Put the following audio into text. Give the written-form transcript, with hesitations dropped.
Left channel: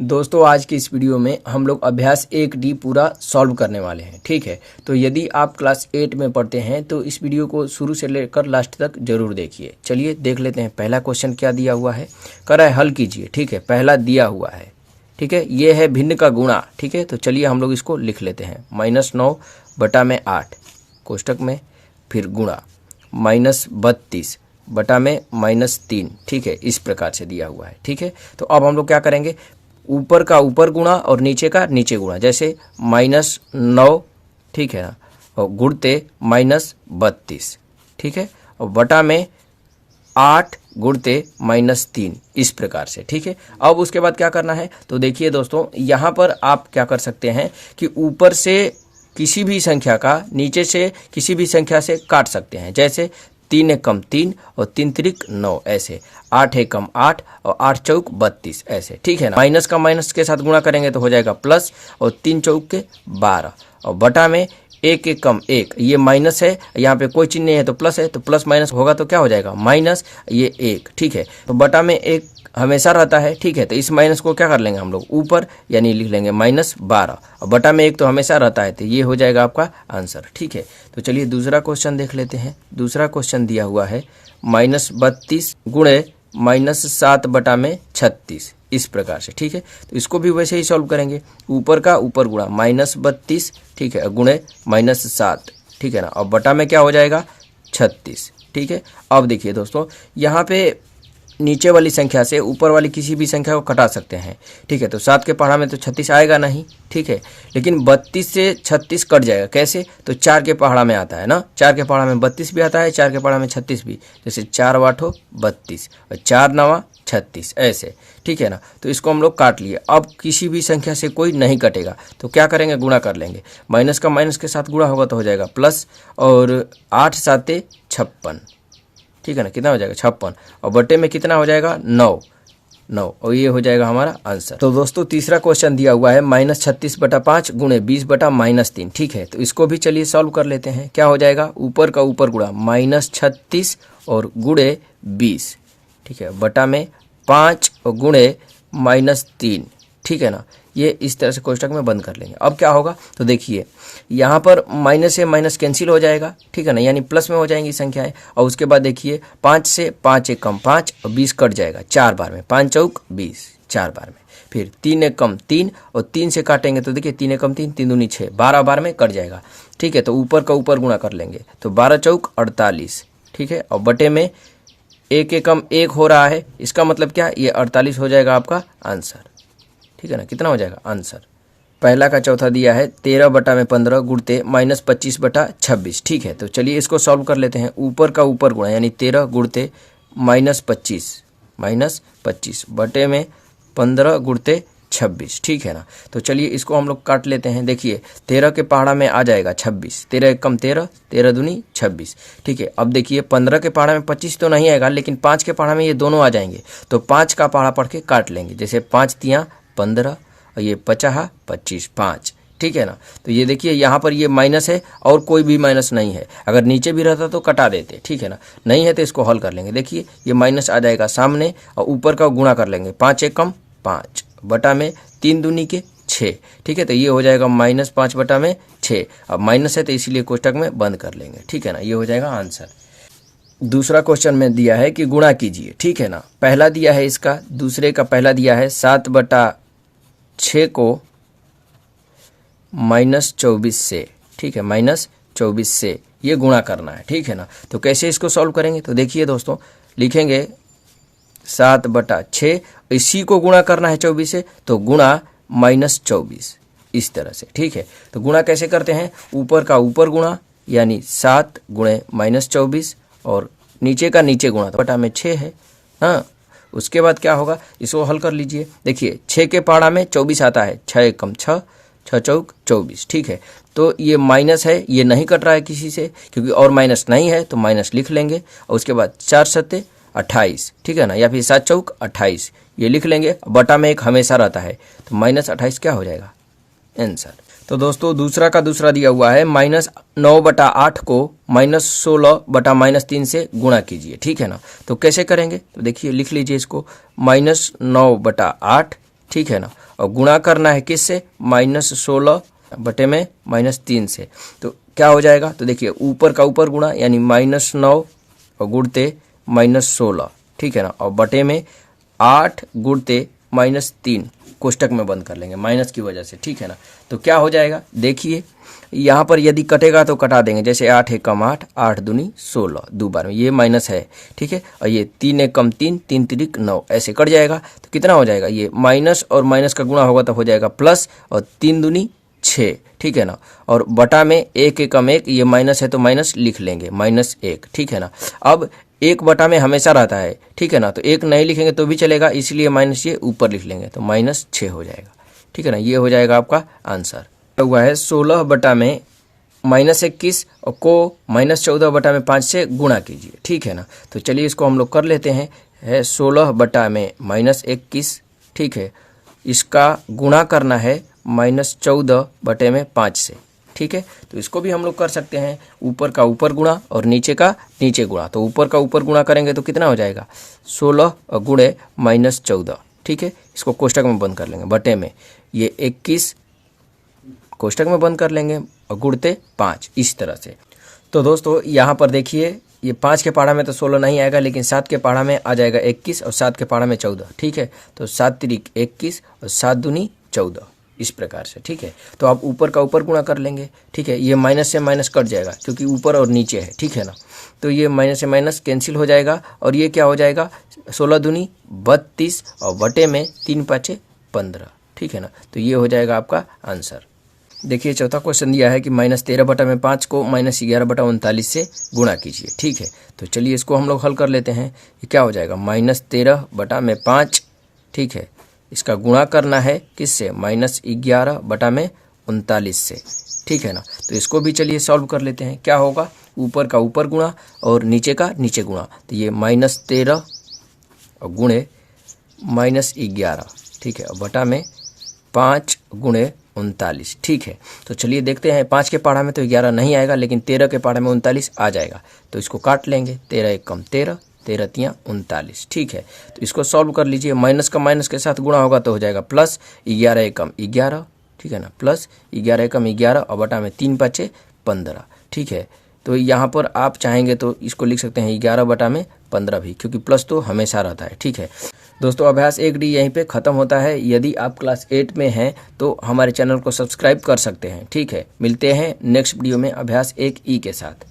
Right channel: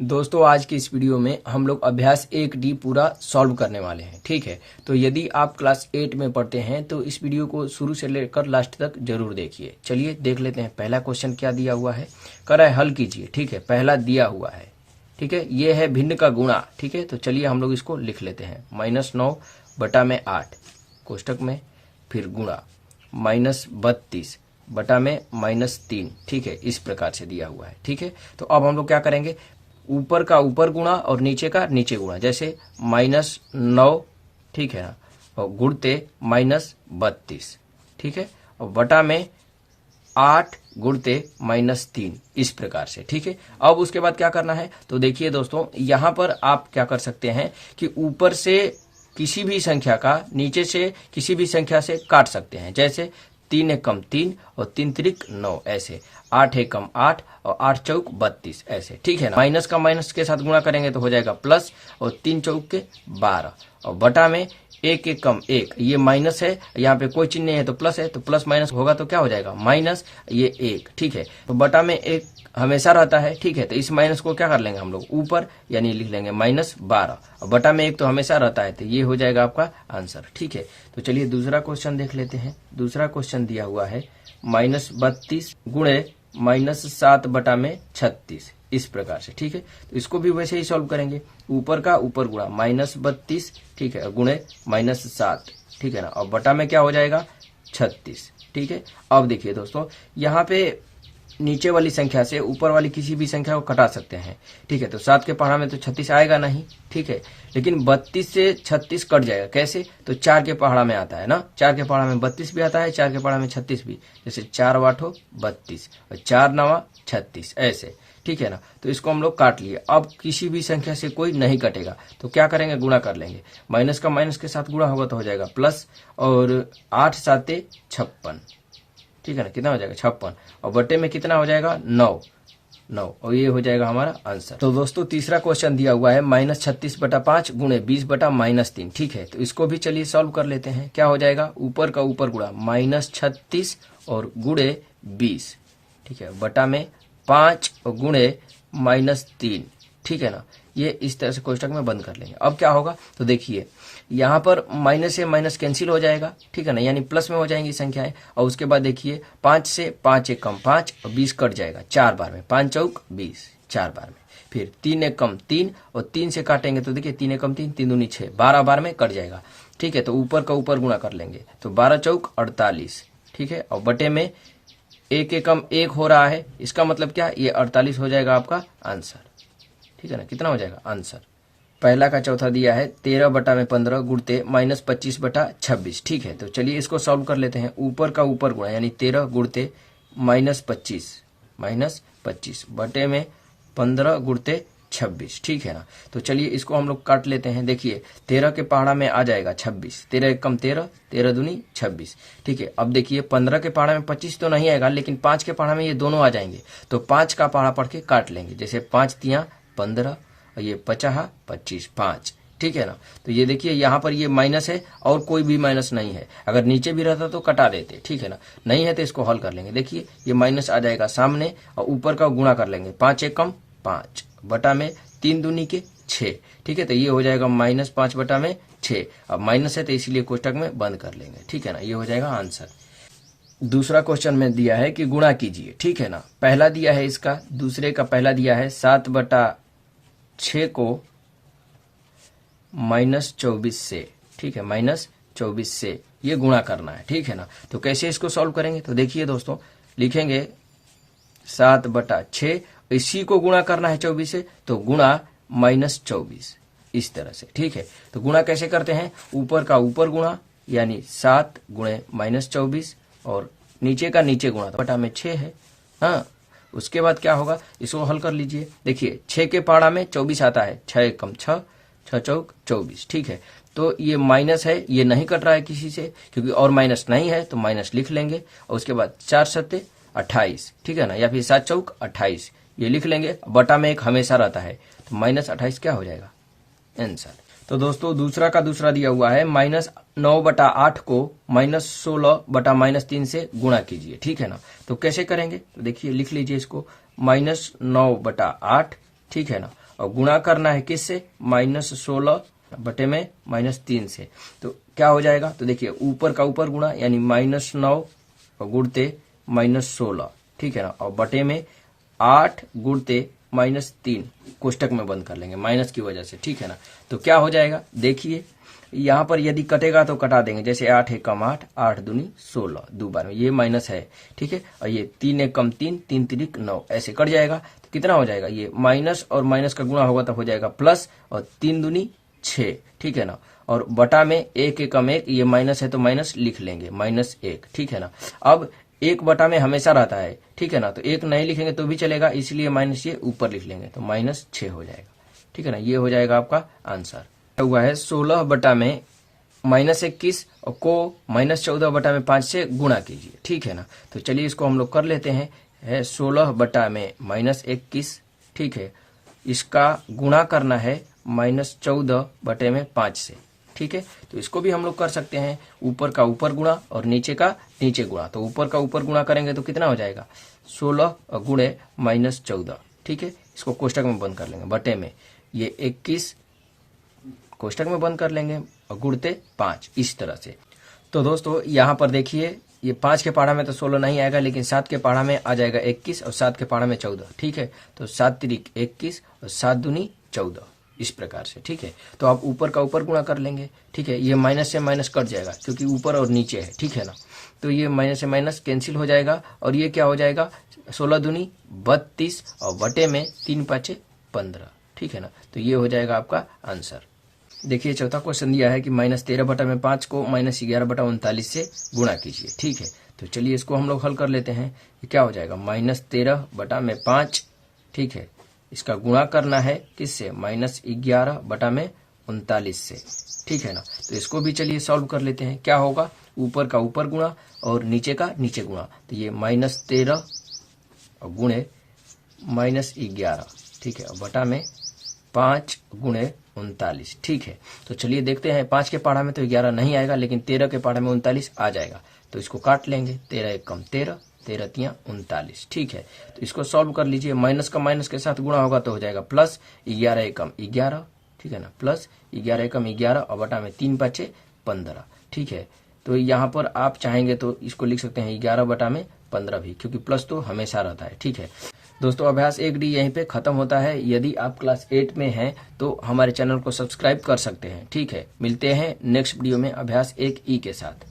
दोस्तों आज की इस वीडियो में हम लोग अभ्यास 1D पूरा सॉल्व करने वाले हैं। ठीक है, तो यदि आप क्लास 8 में पढ़ते हैं तो इस वीडियो को शुरू से लेकर लास्ट तक जरूर देखिए। चलिए देख लेते हैं पहला क्वेश्चन क्या दिया हुआ है। कह रहा है हल कीजिए। ठीक है, पहला दिया हुआ है। ठीक है, ये है भिन्न का गुणा। ठीक है, तो चलिए हम लोग इसको लिख लेते हैं। -9/8 कोष्टक में, फिर गुणा -32/-3। ठीक है, इस प्रकार से दिया हुआ है। ठीक है, तो अब हम लोग क्या करेंगे, ऊपर का ऊपर गुणा और नीचे का नीचे गुणा। जैसे -9, ठीक है ना, और गुणते -32। ठीक है, और बटा में 8 गुणते -3, इस प्रकार से। ठीक है, अब उसके बाद क्या करना है, तो देखिए दोस्तों यहाँ पर आप क्या कर सकते हैं कि ऊपर से किसी भी संख्या का नीचे से किसी भी संख्या से काट सकते हैं। जैसे 3 एकम 3 और 3 त्रिक 9, ऐसे 8 एकम 8 और 8 चौक 32, ऐसे। ठीक है ना, माइनस का माइनस के साथ गुणा करेंगे तो हो जाएगा प्लस, और 3 चौक के 12, और बटा में 1 एकम 1, ये माइनस है, यहाँ पे कोई चिन्ह नहीं है तो प्लस है, तो प्लस माइनस होगा तो क्या हो जाएगा माइनस, ये 1। ठीक है, तो बटा में 1 हमेशा रहता है। ठीक है, तो इस माइनस को क्या कर लेंगे हम लोग ऊपर, यानी लिख लेंगे -12, और बटा में 1 तो हमेशा रहता है, तो ये हो जाएगा आपका आंसर। ठीक है, तो चलिए दूसरा क्वेश्चन देख लेते हैं। दूसरा क्वेश्चन दिया हुआ है -32 गुणे -7/36, इस प्रकार से। ठीक है, तो इसको भी वैसे ही सॉल्व करेंगे। ऊपर का ऊपर गुणा -32, ठीक है, गुणे -7, ठीक है ना, और बटा में क्या हो जाएगा 36। ठीक है, अब देखिए दोस्तों यहाँ पे नीचे वाली संख्या से ऊपर वाली किसी भी संख्या को घटा सकते हैं। ठीक है, तो 7 के पहाड़ा में तो 36 आएगा नहीं। ठीक है, लेकिन 32 से 36 कट जाएगा। कैसे, तो 4 के पहाड़ा में आता है ना, 4 के पहाड़ा में 32 भी आता है, 4 के पहाड़ा में 36 भी। जैसे 4 8 32 और 4 9 36, ऐसे। ठीक है ना, तो इसको हम लोग काट लिए। अब किसी भी संख्या से कोई नहीं कटेगा तो क्या करेंगे, गुणा कर लेंगे। माइनस का माइनस के साथ गुणा होगा तो हो जाएगा प्लस, और 8 7 56। ठीक है ना, कितना हो जाएगा 56, और बटे में कितना हो जाएगा 9, और ये हो जाएगा हमारा आंसर। तो दोस्तों तीसरा क्वेश्चन दिया हुआ है -36/5 गुणे 20/-3। ठीक है, तो इसको भी चलिए सॉल्व कर लेते हैं। क्या हो जाएगा, ऊपर का ऊपर गुणा -36 और गुणे 20, ठीक है, बटा में 5 और गुणे -3। ठीक है ना, ये इस तरह से कोष्टक में बंद कर लेंगे। अब क्या होगा, तो देखिए यहाँ पर माइनस से माइनस कैंसिल हो जाएगा। ठीक है ना, यानी प्लस में हो जाएंगी संख्याएं। और उसके बाद देखिए 5 से 5 एकम 5 और 20 कट जाएगा 4 बार में, 5 चौक 20, 4 बार में। फिर 3 एकम 3 और 3 से काटेंगे तो देखिए 3 एकम 3, 3 दूनी 6, 12 बार में कट जाएगा। ठीक है, तो ऊपर का ऊपर गुणा कर लेंगे तो 12 चौक 48। ठीक है, और बटे में 1 एकम 1 हो रहा है, इसका मतलब क्या, ये 48 हो जाएगा आपका आंसर। ठीक है ना, कितना हो जाएगा आंसर। पहला का चौथा दिया है 13/15 गुणते -25/26। ठीक है, तो चलिए इसको सॉल्व कर लेते हैं। ऊपर का ऊपर गुणा यानी 13 गुणते -25 बटे में 15 गुणते 26। ठीक है ना, तो चलिए इसको हम लोग काट लेते हैं। देखिए 13 के पहाड़ा में आ जाएगा 26, 13 एकम 13, 13 दूनी 26। ठीक है, अब देखिए 15 के पहाड़ा में 25 तो नहीं आएगा, लेकिन 5 के पहाड़ा में ये दोनों आ जाएंगे, तो 5 का पहाड़ा पढ़ के काट लेंगे। जैसे 5 तियाँ 15 और ये 50 25 5। ठीक है ना, तो ये देखिए यहाँ पर ये माइनस है और कोई भी माइनस नहीं है। अगर नीचे भी रहता तो कटा देते। ठीक है ना, नहीं है तो इसको हल कर लेंगे। देखिए ये माइनस आ जाएगा सामने, और ऊपर का गुणा कर लेंगे। 5 एकम 5 बटा में 3 दूनी के 6। ठीक है, तो ये हो जाएगा -5 बटा में 6। अब माइनस है तो इसीलिए कोष्टक में बंद कर लेंगे। ठीक है ना, ये हो जाएगा आंसर। दूसरा क्वेश्चन में दिया है कि गुणा कीजिए। ठीक है ना, पहला दिया है इसका, दूसरे का पहला दिया है 7/6 को -24 से। ठीक है, -24 से ये गुणा करना है। ठीक है ना, तो कैसे इसको सॉल्व करेंगे, तो देखिए दोस्तों लिखेंगे 7/6, इसी को गुणा करना है 24 से, तो गुणा -24, इस तरह से। ठीक है, तो गुणा कैसे करते हैं, ऊपर का ऊपर गुणा यानी 7 गुणे -24, और नीचे का नीचे गुणा, तो बटा में 6 है। हाँ, उसके बाद क्या होगा, इसको हल कर लीजिए। देखिए 6 के पहाड़ा में 24 आता है, 6 एकम 6, 6 चौक 24। ठीक है, तो ये माइनस है, ये नहीं कट रहा है किसी से, क्योंकि और माइनस नहीं है तो माइनस लिख लेंगे। और उसके बाद 4 7 28। ठीक है ना, या फिर 7 चौक 28, ये लिख लेंगे। बटा में 1 हमेशा रहता है, तो -28 क्या हो जाएगा आंसर। तो दोस्तों दूसरा का दूसरा दिया हुआ है -9/8 को -16/-3 से गुणा कीजिए। ठीक है ना, तो कैसे करेंगे, तो देखिए लिख लीजिए इसको, -9/8। ठीक है ना, और गुणा करना है किससे, -16 बटे में -3 से। तो क्या हो जाएगा, तो देखिए ऊपर का ऊपर गुणा यानी -9 और गुणते -16, ठीक है ना, और बटे में 8 गुणते -3 कोष्टक में बंद कर लेंगे माइनस की वजह से, ठीक है ना। तो क्या हो जाएगा, देखिए यहाँ पर यदि कटेगा तो कटा देंगे, जैसे 8 एक कम 8, 8 दूनी 16, दो बार में ये माइनस है, ठीक है, और ये 3 एक कम 3, 3 तिरिक 9, ऐसे कट जाएगा। तो कितना हो जाएगा, ये माइनस और माइनस का गुणा होगा तो हो जाएगा प्लस, और 3 दूनी 6, ठीक है ना, और बटा में 1 एक कम 1, ये माइनस है तो माइनस लिख लेंगे -1, ठीक है ना। अब 1 बटा में हमेशा रहता है, ठीक है ना, तो 1 नहीं लिखेंगे तो भी चलेगा, इसलिए माइनस ये ऊपर लिख लेंगे तो -6 हो जाएगा, ठीक है ना। ये हो जाएगा आपका आंसर। हुआ है 16 बटा में -21 और को -14 बटा में 5 से गुणा कीजिए, ठीक है ना। तो चलिए इसको हम लोग कर लेते हैं, है 16 बटा में -21, ठीक है, इसका गुणा करना है -14 बटे में 5 से, ठीक है। तो इसको भी हम लोग कर सकते हैं, ऊपर का ऊपर गुणा और नीचे का नीचे गुणा। तो ऊपर का ऊपर गुणा करेंगे तो कितना हो जाएगा, 16 गुणे -14, ठीक है। इसको कोष्टक में बंद कर लेंगे, बटे में ये 21 कोष्टक में बंद कर लेंगे और गुणते 5, इस तरह से। तो दोस्तों यहाँ पर देखिए, ये 5 के पहाड़ा में तो 16 नहीं आएगा, लेकिन 7 के पहाड़ा में आ जाएगा 21 और 7 के पहाड़ा में 14, ठीक है। तो 7 तिरिक 21 और 7 दूनी 14, इस प्रकार से, ठीक है। तो आप ऊपर का ऊपर गुणा कर लेंगे, ठीक है। ये माइनस से माइनस कट जाएगा क्योंकि ऊपर और नीचे है, ठीक है ना। तो ये माइनस से माइनस कैंसिल हो जाएगा और ये क्या हो जाएगा, 16 दूनी 32 और बटे में 3 5 15, ठीक है ना। तो ये हो जाएगा आपका आंसर। देखिए चौथा क्वेश्चन दिया है कि -13 बटा में 5 को -11 बटा 39 से गुणा कीजिए, ठीक है। तो चलिए इसको हम लोग हल कर लेते हैं। ये क्या हो जाएगा, -13 बटा में 5, ठीक है, इसका गुणा करना है किससे, -11 बटा में 39 से, ठीक है ना। तो इसको भी चलिए सॉल्व कर लेते हैं। क्या होगा, ऊपर का ऊपर गुणा और नीचे का नीचे गुणा। तो ये -13 गुणे -11, ठीक है, और बटा में 5 गुणे 39, ठीक है। तो चलिए देखते हैं, 5 के पहाड़ा में तो 11 नहीं आएगा, लेकिन 13 के पहाड़ा में 39 आ जाएगा। तो इसको काट लेंगे, 13 एक कम 13, 13 तियाँ 39, ठीक है। तो इसको सॉल्व कर लीजिए, माइनस का माइनस के साथ गुणा होगा तो हो जाएगा प्लस 11 एक कम 11, ठीक है ना, प्लस 11 एक कम 11 और बटा में 3 5 15, ठीक है। तो यहाँ पर आप चाहेंगे तो इसको लिख सकते हैं 11 बटा में 15 भी, क्योंकि प्लस तो हमेशा रहता है, ठीक है। दोस्तों अभ्यास 1D यहीं पे ख़त्म होता है। यदि आप क्लास 8 में हैं तो हमारे चैनल को सब्सक्राइब कर सकते हैं, ठीक है। मिलते हैं नेक्स्ट वीडियो में अभ्यास 1E के साथ।